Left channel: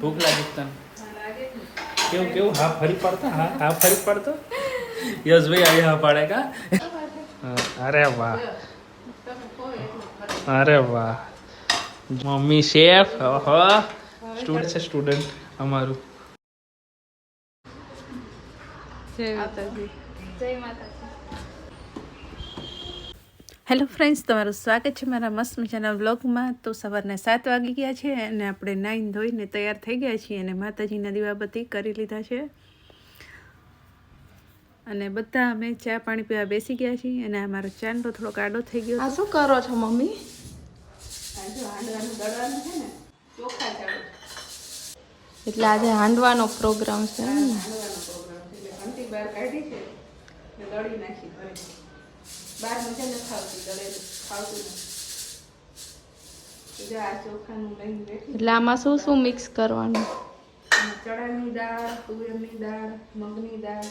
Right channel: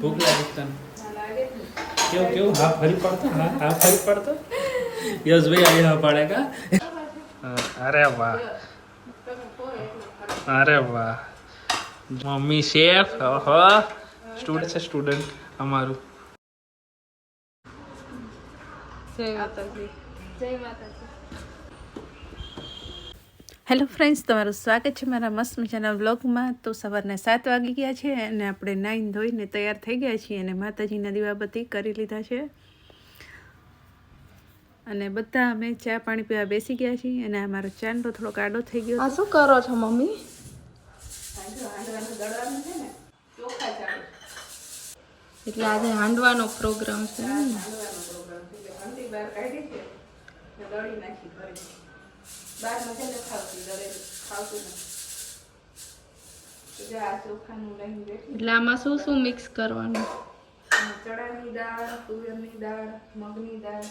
ભૂખ લાગી તને કેવું કેવું હા ફરી પડતો હા ફરી પડતો યશભાઈ આવી હા પાડે કા અરે વાહ અરે વાહ મમ્મી શેફ ઓહો સ્ટુડન્ટ છે સ્ટુડન્ટ અમારું જય માતાજી જય માતાજી હેલો ફ્રેન્ડ્સ, તમારું સ્વાગત છે મારા મસ્ત મજાના વ્લોગમાં. તો સવારના 7 વાગી ગયા છે અને આપણે નાઈને ધોઈને તૈયાર થઈ ગયા છીએ અને માતાજીના દીવાબત્તી કરી લીધા છે અને બધા અમે ચા પાણી પીવા બેસી ગયા છીએ અને અમારો ચાંદો થોડોક આડો થઈ ગયો. આ શું કરો છો મમ્મી? એટલે આજે હાંડવાનો પ્રોગ્રામ છે ને? ઘંટી બહાર કાઢી છે ને દળી નાખી ઘરે. બહાર મજા નથી આવતી, દળેલું ખાવતું નથી. આ ચોખાનું લઈને બેઠી. એટલે આમાં શું શું મિક્સ કરવાનું? ચણાની દાળ, તુવેરની દાળ, મગની દાળ,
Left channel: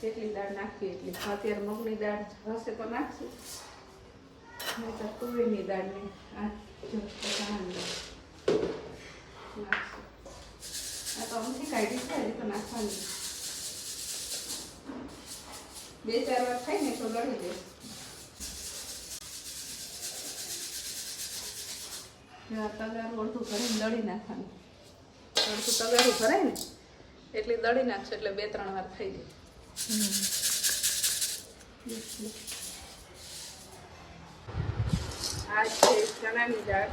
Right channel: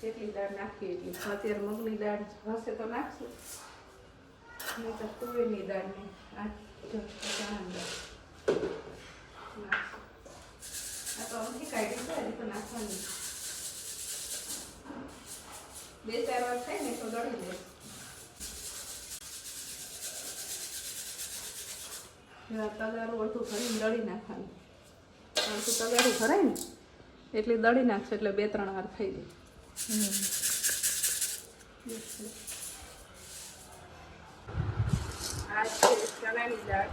કેટલી દાળ નાખવી એટલી. અત્યારે મગની દાળ હશે તો નાખશું, નહીં તો તુવેરની દાળ ને આ ચણાની દાળ નાખશું. આ તો અમથી કાઢી છે, હજી તો નાખવાની 2-4 વાર થાય ને તો દળી દે. તગારું અડધું ભરીને દળી નાખવાનું. અડધું તગારું ભરાય ને એટલે દળી નાખશું, એટલે 2-3 વાર થઈ જાય. આ છે ચણાની દાળ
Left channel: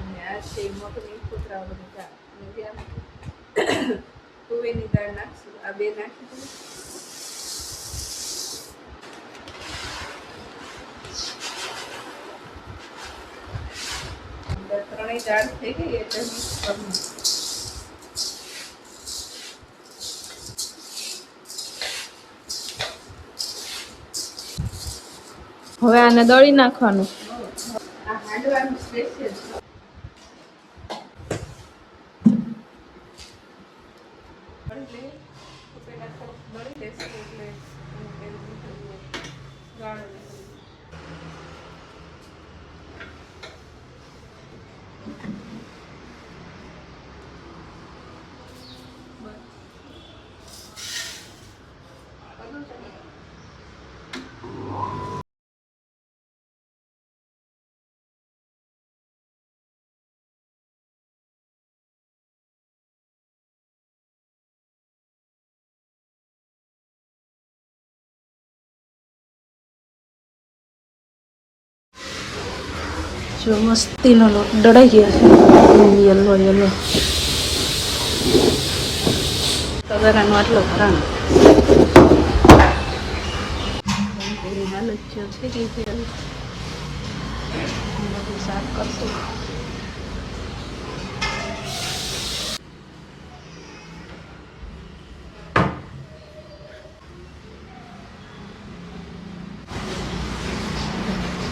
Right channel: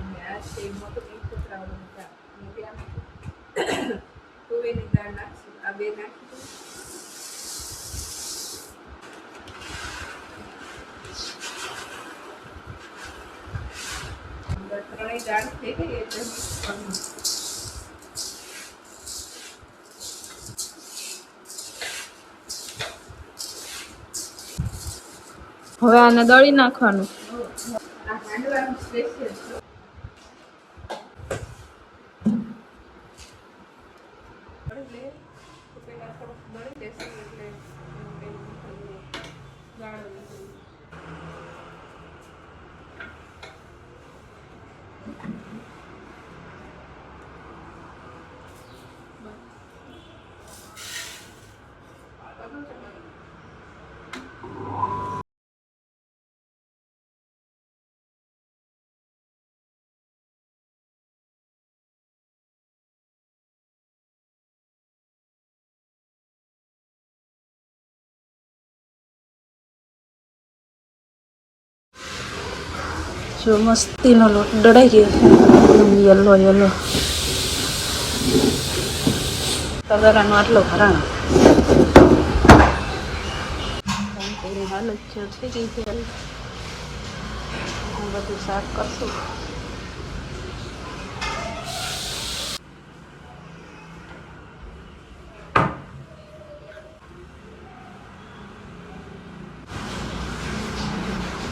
અને આ છે મગની કૂતરાઓની દાળ. તુવેરની દાળ નાખશું. આ 2 નાખી ત્રણેય દાળ થઈ ગઈ એટલે મિક્સ કરવું. હવે આને દળી નાખવાનું. આ હાંડવાનું સ્પેશિયલ પેલા થોડુંક દળી લેશું એટલે ગાળ જો મસ્તીનો લોટ દળાઈ ગયો છે, યલો યલો. તગારાનો આટલો ભરાણો એની હાલત છે થઈ ગઈ છે. બધું સાફ કરશું.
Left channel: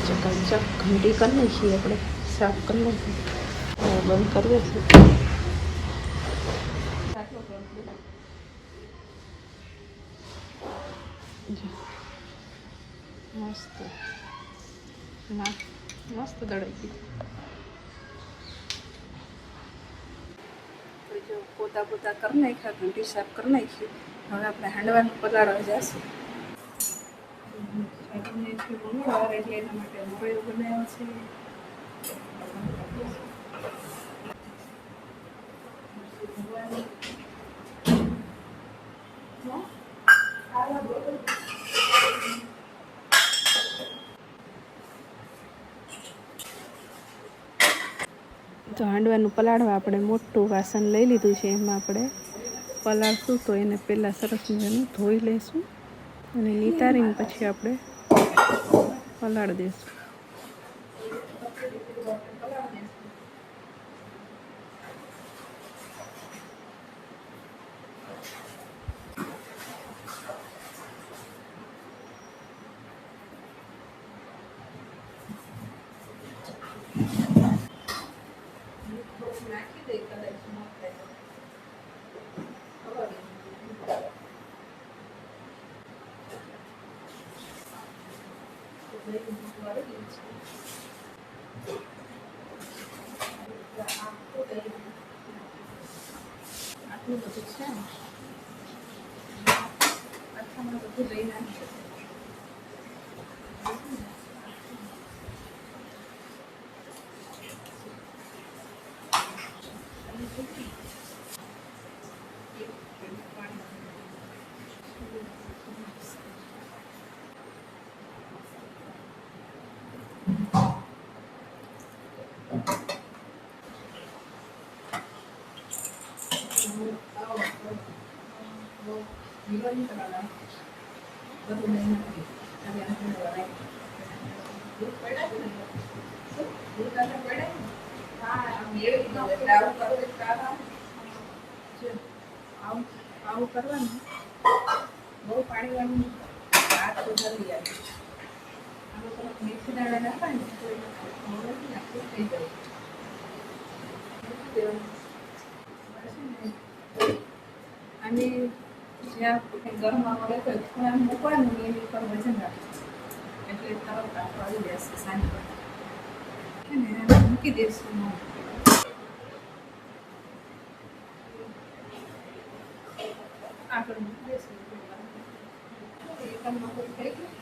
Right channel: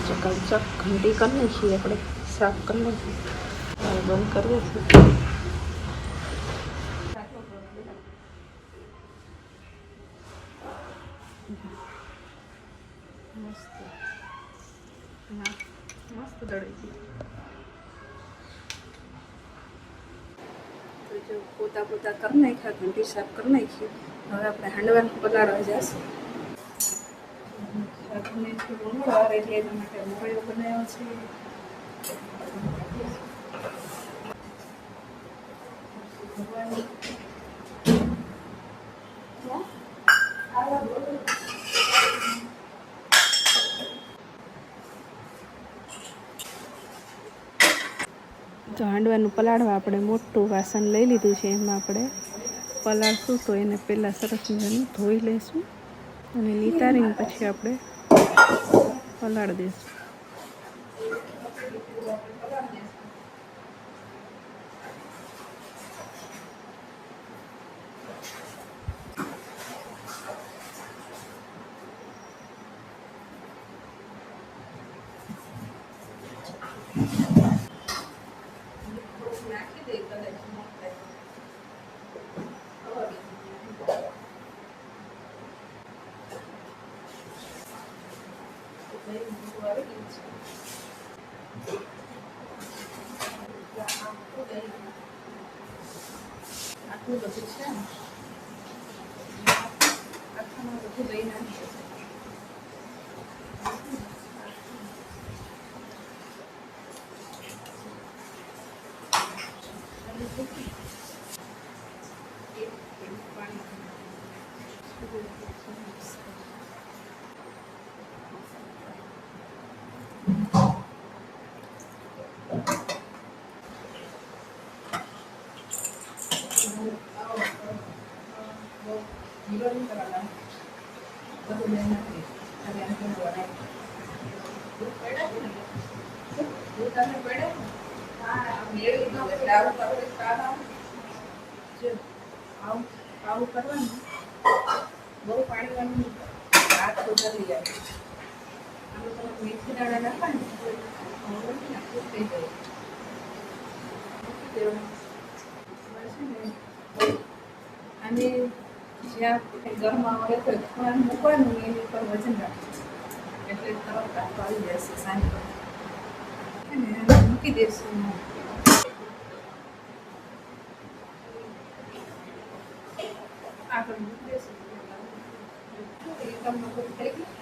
ચકાચક ઘંટી કરી નાખીએ આપણે, સાફ કરી નાખીએ. હવે બંધ કરીએ છીએ. મસ્ત મસ્ત દળાઈ ગઈ. તો જો પોતા પોતા કરી નાખ્યા, ઘંટી સાફ કરી નાખી. હવે આપણે હાંડવાનું પલાળવા જશું. મંગળવાર એટલે એના માટે મોરૈયો બનાવ્યો છે. તો હાંડવાનું પલાળવા આપણે મોટું વાસણ લઈ લીધું છે. એમાં આપણે પલાળશું તો એને પહેલાં સરસ મજાનું ધોઈ લઈશું અને નિતારીને પછી આપણે પલાળી દઈશું. નાખી દે કદાચ એટલું બધું છે ને આખામાં બધું લઈ નાખીએ. આવું કરવાનું બહુ પાણી વાળું હાથ વધારી જાય. આમાં થોડુંક મેથી દાણા નાખાય ને તો નથી નાખવું થઈ જાય. અને જ્યાં ઘરમાં હોય તો ખૂણા મૂકવાનું એની ઉપર વજન રાખવું એટલે તરત કાઢો આવી જશે સાંજ મૂકી દઈશું. આગળ મૂકી દઈશું એકમ બધું થઈ ગયું.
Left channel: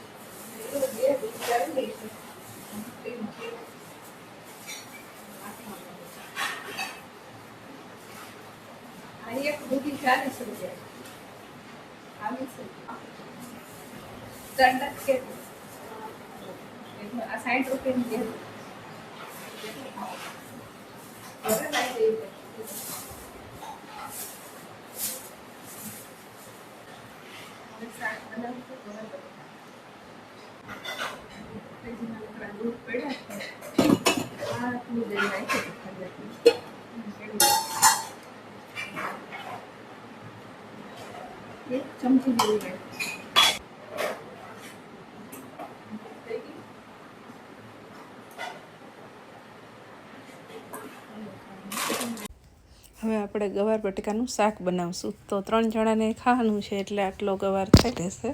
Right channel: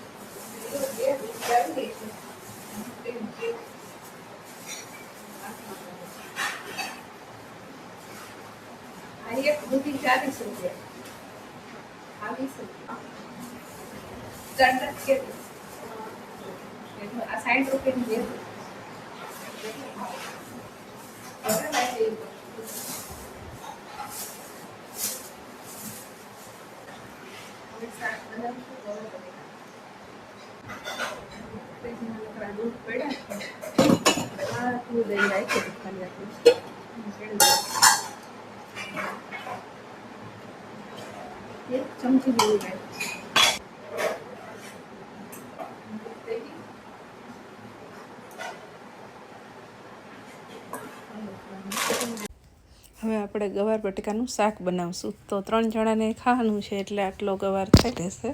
એક દૂધી 40 રૂપિયા આવી છે. દંડ કે આ 60 રૂપિયાની દૂધ પડ્યા દૂધ દઈ એક ચમચી લીધું. હવે આપણે ગવાર બટેકાનું શાક બનાવશું. તો 3 જણાને ખાવાનું છે એટલે આટલો ગવાર થઈ રહેશે.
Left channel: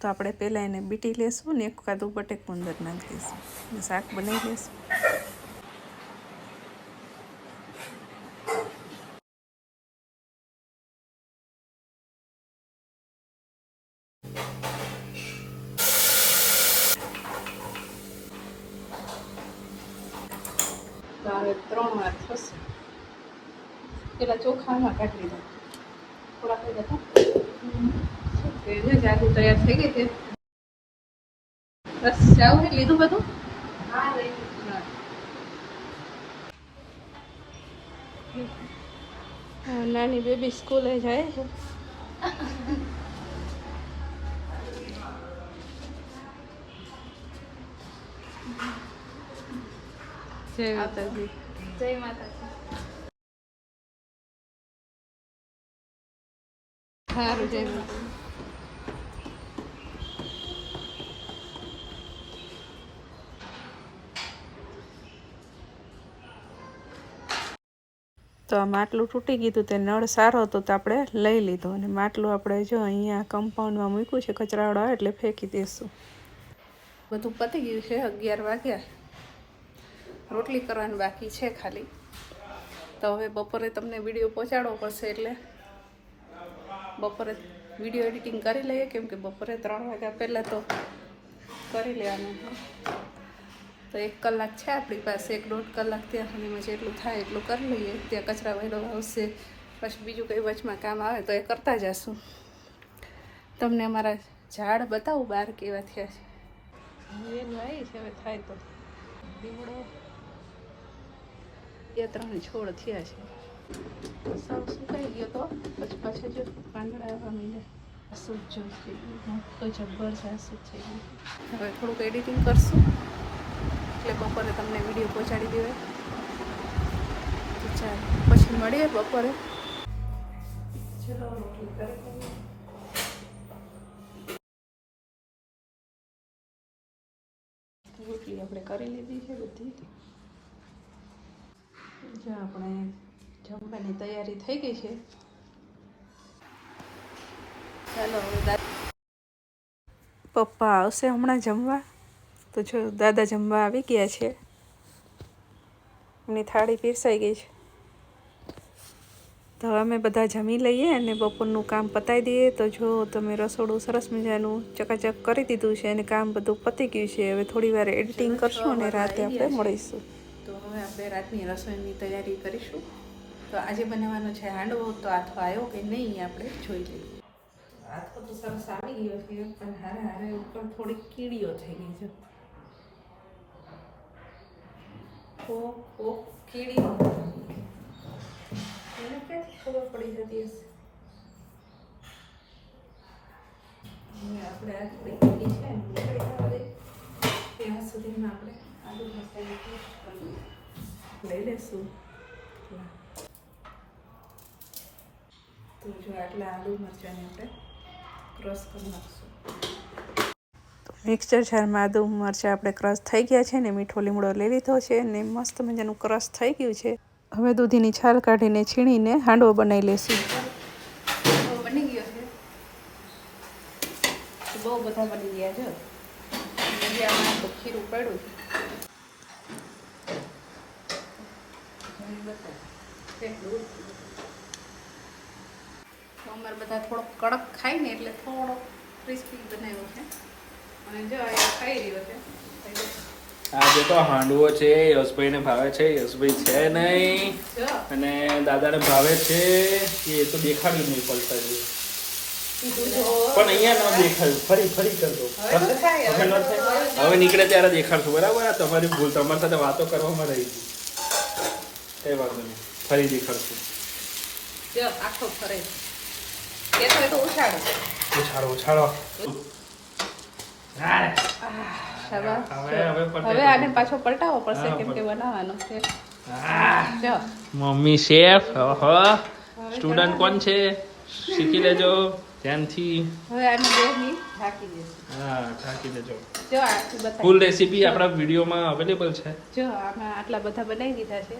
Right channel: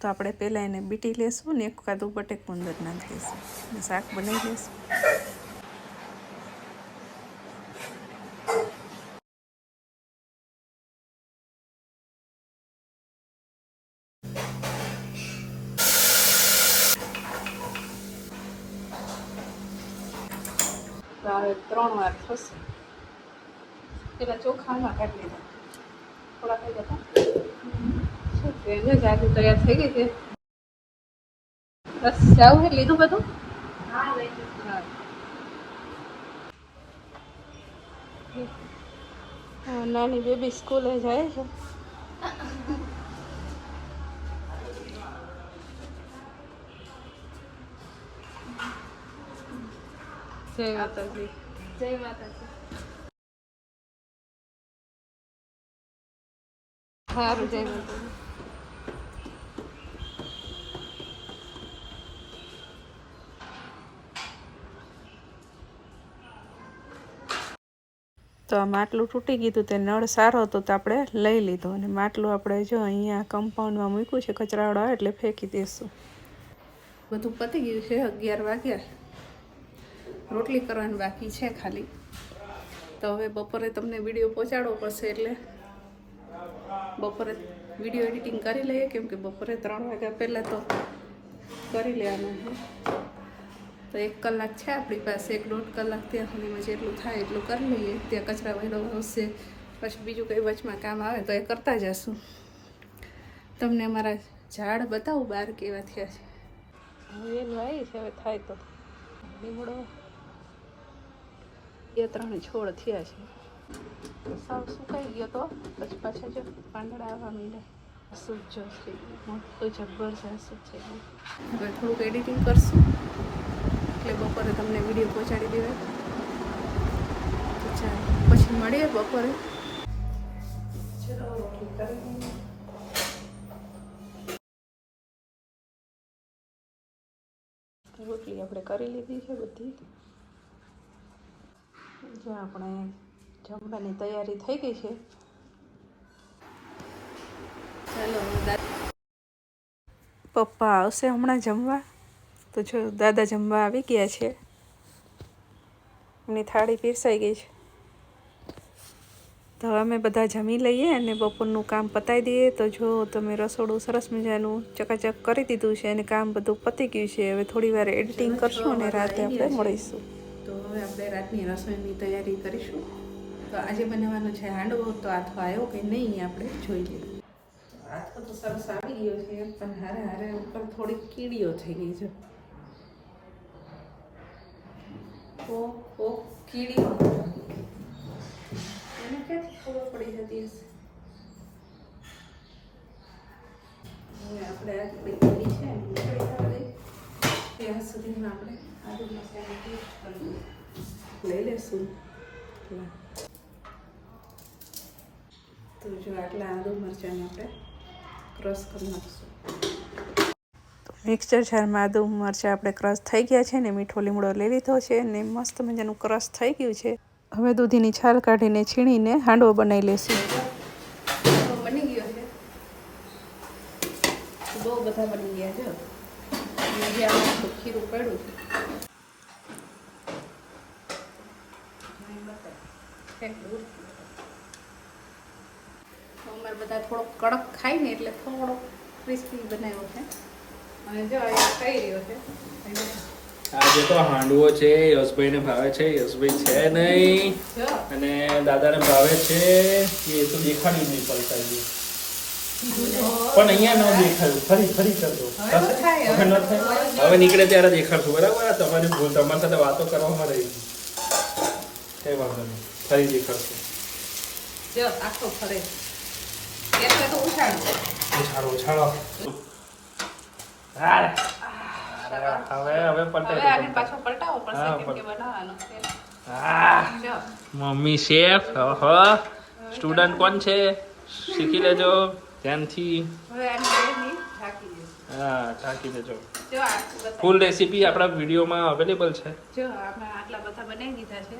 તો આપણે પહેલાં એને બીટી લેશું ને એક કાદું બટેકું અંદર નાખી દઈશું અને શાક બનાવી લેશું. તો હવે 3 વાર થશે. પેલા ચોખામાં કાઢી લીધા થોડા થઈ જતા શું કે જાગી તૈયાર થઈ ગઈ છે. બસ જાવું હે લીધું બધું. હા નાની બેબી સ્કૂલે જાય છે. જય માતાજી. જય માતાજી. સારું જય માતાજી. તો આ માટલું તૂટી ગયું હતું. તે નળ સારો હતો તો આપણે લઈ લીધો અને માટલું આપણે જો અહીંયા કમ્પાઉન્ડમાં મૂક્યું છે કચરાવાળો આવે એટલે ફેંકી દઈશું. બધું પતી ગયું છે. 11 વાગ્યા. રોટલી કરવાની બાકી છે ખાલી. તો હવે બપોરે તમને વિડીયો પહોંચાડવો પડશે એટલે બપોરે વિડીયો એડિટિંગ કરી લઈએ કેમ કે બપોરે 3 વાગ્યા પહેલાં તો કરી લેવાનું. તો 1 કલાક છે આપણી પાસે. 1-1.5 કલાક ત્યાં સુધીમાં જેટલું થાય એટલું કરી લઈએ. ત્યાં કચરા વાળો આવશે પછી બીજું કંઈ વચમાં કામ આવે તો એ કરતા જશું. તમને અમારા ઝાડ બતાવું બહાર કેવા થયા છે. હવે એનું આવી છે. હવે થાય તો લીમડો 2-3 છોડ થયા છે. સાવ સુકાઈ ગયો તો પછી પાછા જો પાંદડા આવવા માંડ્યા. સૂજો થઈ ગયું મોટો જબ્બર છે. શું થઈ ગયું. હવે થોડુંક એડિટિંગ કરશું એટલે બપોરે તમને વિડીયો પહોંચાડી દેવાય. તો ચાલો પછી મળીએ બપોરે. રોટલી આપણે કરી લીધી છે બધી. જો આપણે જમવાની તૈયારી થઈ ગઈ છે. ચાલો પપ્પા આવશે હમણાં જમવા. તો જો દાદા જમવા આવી ગયા છે. એમની થાળી પીરસાઈ ગઈ છે. તો અમે બધા જમી લઈએ અને બપોરનું કામ પતાવી દઈએ. તો જો તમે રસોડું સરસ મજાનું ચકાચક કરી દીધું છે અને કામ બધું પતી ગયું છે. હવે થોડી વાર એડિટિંગ કરશું અને રાતે આપણે મળીશું. તો હવે આપણે રાતની રસોઈની તૈયારી કરીશું. તો આજે બનાવવાનો છે હાંડવો. તો આથો આવ્યો કે નહીં આપણે જોઈ લઈએ. આથો તો સરસ આવી ગયો છે પણ હારે હારે ઉપર થોડી કીડીઓ થઈ ગઈ છે. ઓ કીડીઓ ક્યાંથી ખબર પડી જતી હશે. હવે આપણે આ થોડી કીડી છે ને નીકળી જવા દે ત્યાં સુધીમાં આપણે આદુ મસાલા પેસ્ટ લઈ લેશું. તો જો આટલા આદુ મરચાંને આપણે ક્રશ કરી નાખશું. મિક્સર જારમાં આદુ મરચાં આપણે ક્રશ થઈ ગયા છે ને મીઠો લીમડો લઈ લીધો છે ને મસ્ત મજાનું ક્રશ થઈ ગયું છે. હવે દૂધીની છાલ કાઢીને છીણીને હાંડવો બનાવી લેશું. બની ગયો છે. બહુ બધા બની ગયા છે. ખીરું પડ્યું છે. અમારે બધા થોડોક કડક ખાય ને એટલે થોડોક ક્રિસ્પી બનાવ્યો છે. અને જો એ ખાઈ રહ્યો છે. આજે તો હાંડવો છે. યશભાઈને ભાવે છે. યશભાઈ છે નહીં અને દાદાને ભાવે છે. એ તો દેખાડી નહીં પડતા છે પણ અહીંયા ન દેખાયું. ફરી કરજો. હવે નીકળે ત્યારે દેખાડશું. બરાબર. તમારી ભૂલ. તમારી સાથે વાતો કરવામાં રહી કઈ વાંધો નહીં. ફરી દેખાડશું. આખો ફરે ઉછાળો. હવે પાછો પલટાવો પડશે કેમ કે બનાવવાનું છે. Mummy chef. સ્ટુડન્ટ કોણ છે શીખી લેજો ધ્યાનથી. હવે આની બેની ઢાંકી દેજો. હા ઢાંકી દેજો. જો આખું બતાવી. ફૂલ રેસીપી આપણા વિડીયોમાં અવેલેબલ છે. જો આમાં આટલા બધા બનાવી દીધા છે.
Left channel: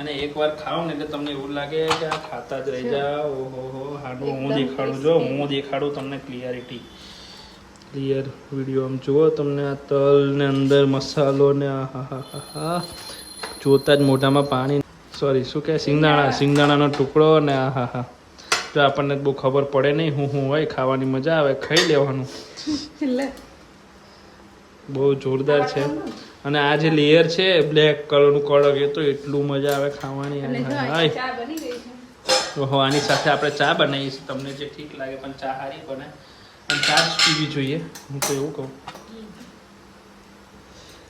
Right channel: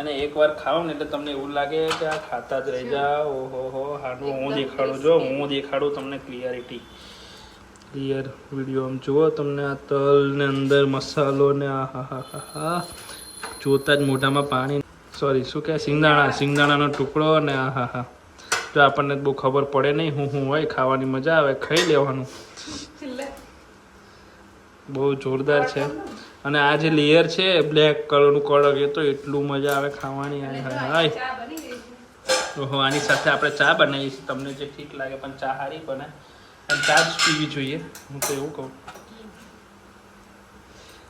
અને એકવાર ખાઓ ને એટલે તમને એવું લાગે કે આ ખાતા જ રહી જાઓ. ઓહો હાંડવો હું દેખાડું. જો હું દેખાડું તમને ક્લિયર વિડીયો આમ જુઓ. તમને આ તલ ને અંદર મસાલો ને આ જોતા જ મોઢામાં પાણી. સોરી શું કહે સિંગદાણાનો ટુકડો ને જો આપણને બહુ ખબર પડે નહીં હું હોય. ખાવાની મજા આવે. ખાઈ લેવાનું. બહુ જોરદાર છે. અને આ જે લેયર છે બ્લેક કલરનું કડક એ તો એટલું મજા આવે ખાવાની. ઓહો આની સાથે આપણે ચા બનાવીએ છીએ. તમને જે ઠીક લાગે પણ ચા સારી બને અને ચા જ પીવી જોઈએ. હું તો એવું કહું.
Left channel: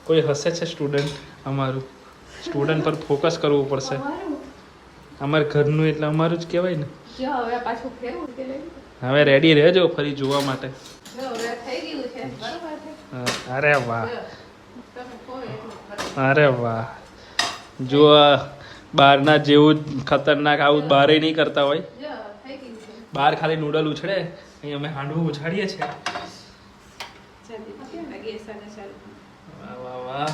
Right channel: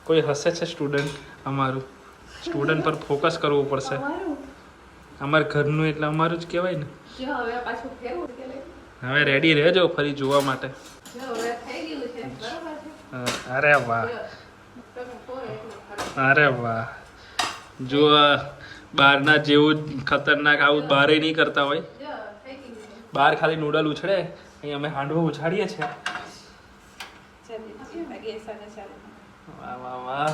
કોઈ હસે છે સ્ટુડન્ટ. અમારું સ્ટુડન્ટ પર ફોકસ કરવું પડશે. અમારા ઘરનું એટલે અમારું જ કહેવાય ને. હવે રેડી રહેજો ફરી જોવા માટે. અરે વાહ જો બહારના જેવું ખતરનાક આવું બહાર નહીં કરતા હોય. બહાર ખાલી નૂડલ ઉછળે. અહીં અમે હાંડવો ઉછાડીએ છીએ. વાહ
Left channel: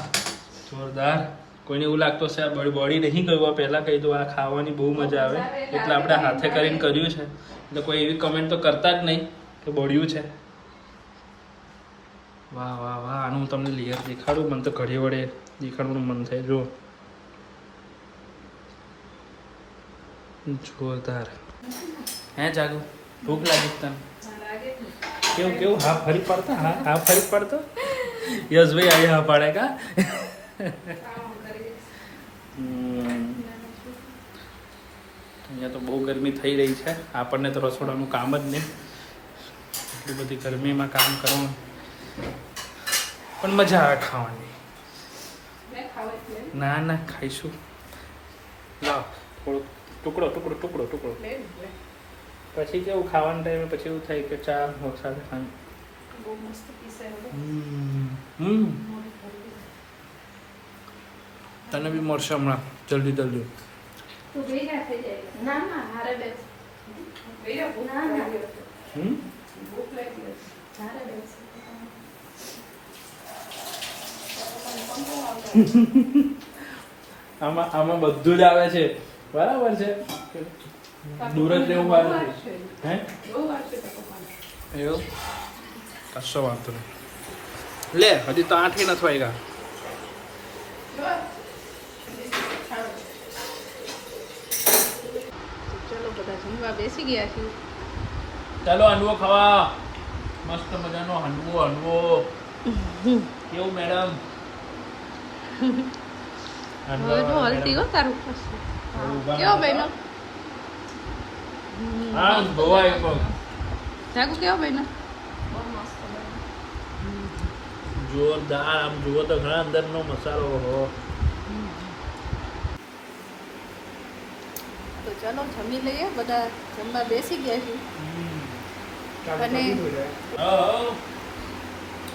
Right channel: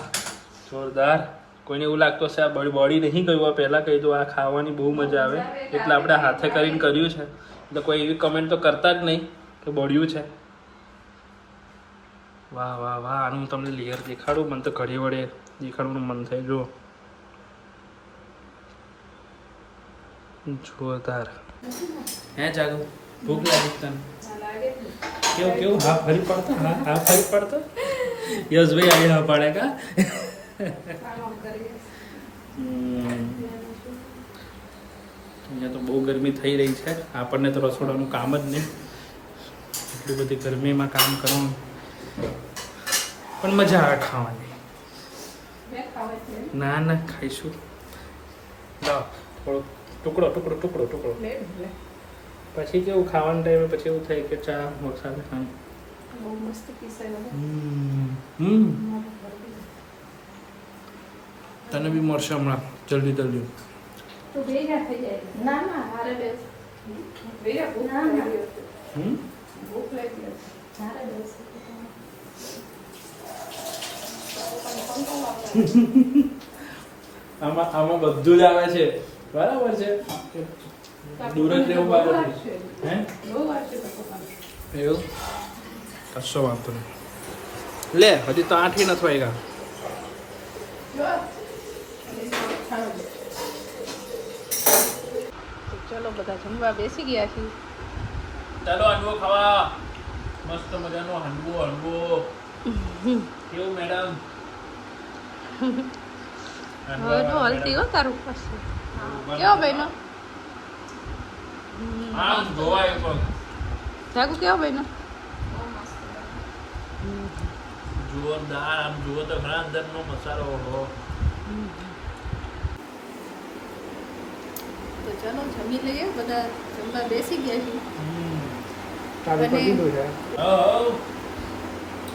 જોરદાર. કોઈને એવું લાગતું હશે આ બોડી નહીં કહ્યું. પહેલાં કહી દો આ ખાવાની બહુ મજા આવે એટલે આપણે હાથે કરીને કર્યું છે. એટલે કોઈ એવી કમેન્ટ તો કરતા જ નહીં કે બળ્યું છે. વાહ આનું હું તમને લેયર દેખાડું. મને તો ઘડી વડે દેખાડવાનું મન થાય. જો જોરદાર. હે જાગું ભૂખ લાગી તને કેવું હા ફરી પડતો યશભાઈ આજે હા પાડે કા. અહીંયા તો બહુ ગરમી થઈ રહી છે. આપણને તો રસોડાનું કામ જ નહીં. એટલી બધી ગરમીમાં કામ કરવાનું પણ મજા આવે ખાવાની. ના ખાઈશું. લાવ થોડો ટુકડો પછી કેવું ખાવાના ટાઈમે પછી એવું થાય કે ચા સાથે ખાવાનું. તને બી મળશે હમણાં જલ્દી. આમાં બધું જ આવે છે. બરાબર છે. દૂર જ રહેવું બહાર એવું કશો વાંધો નહીં. લે હજી તો 8 નથી વાગ્યા. ચલો બધા જમવા બેસી ગયા છીએ. ચાલો હાંડવો ખાવા. મસ્ત મજાનો હાંડવો. કેવું મેડમ? હવે જો હલતી હો તારું પાછું. કેવો બહેનો? હા ધોવાય પણ. જાગુ કેવો બહેનો? જોરદાર. આમ જુઓ તો ઘણા અંદરનો મસાલો. હો તો ચાલો જમી લઈએ. બધા જમવા બેસી ગયા છીએ.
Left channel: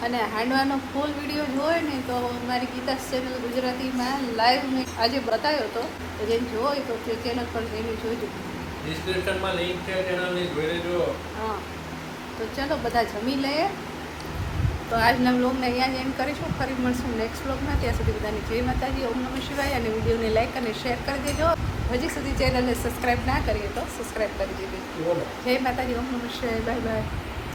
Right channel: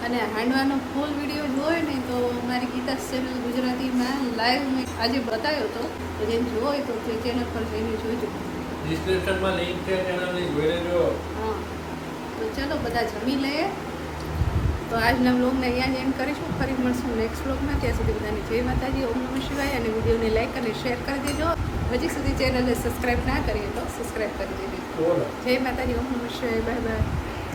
અને હાંડવાનો ફૂલ વિડીયો જોયો ને તો મારી ગીતા ચેનલ ગુજરાતીમાં લાઈવ મેં આજે બતાવ્યો હતો. તો જેને જોવો હોય તો તે ચેનલ પર જઈને જોજો. ડિસ્ક્રિપ્શનમાં લિંક છે, ચેનલની જોઈ લેજો. હા તો ચાલો બધા જમી લઈએ. તો આજના વ્લોગને અહીંયા જ એન્ડ કરીશું. ફરી મળશું નેક્સ્ટ વ્લોગમાં. ત્યાં સુધી બધાને જય માતાજી, ઓમ નમઃ શિવાય. અને વિડીયોને લાઈક અને શેર કરી દેજો. હજી સુધી ચેનલને સબસ્ક્રાઈબ ના કરીએ તો સબસ્ક્રાઈબ કરી દેજો. જય માતાજી, ઓમ નમઃ શિવાય. Bye bye.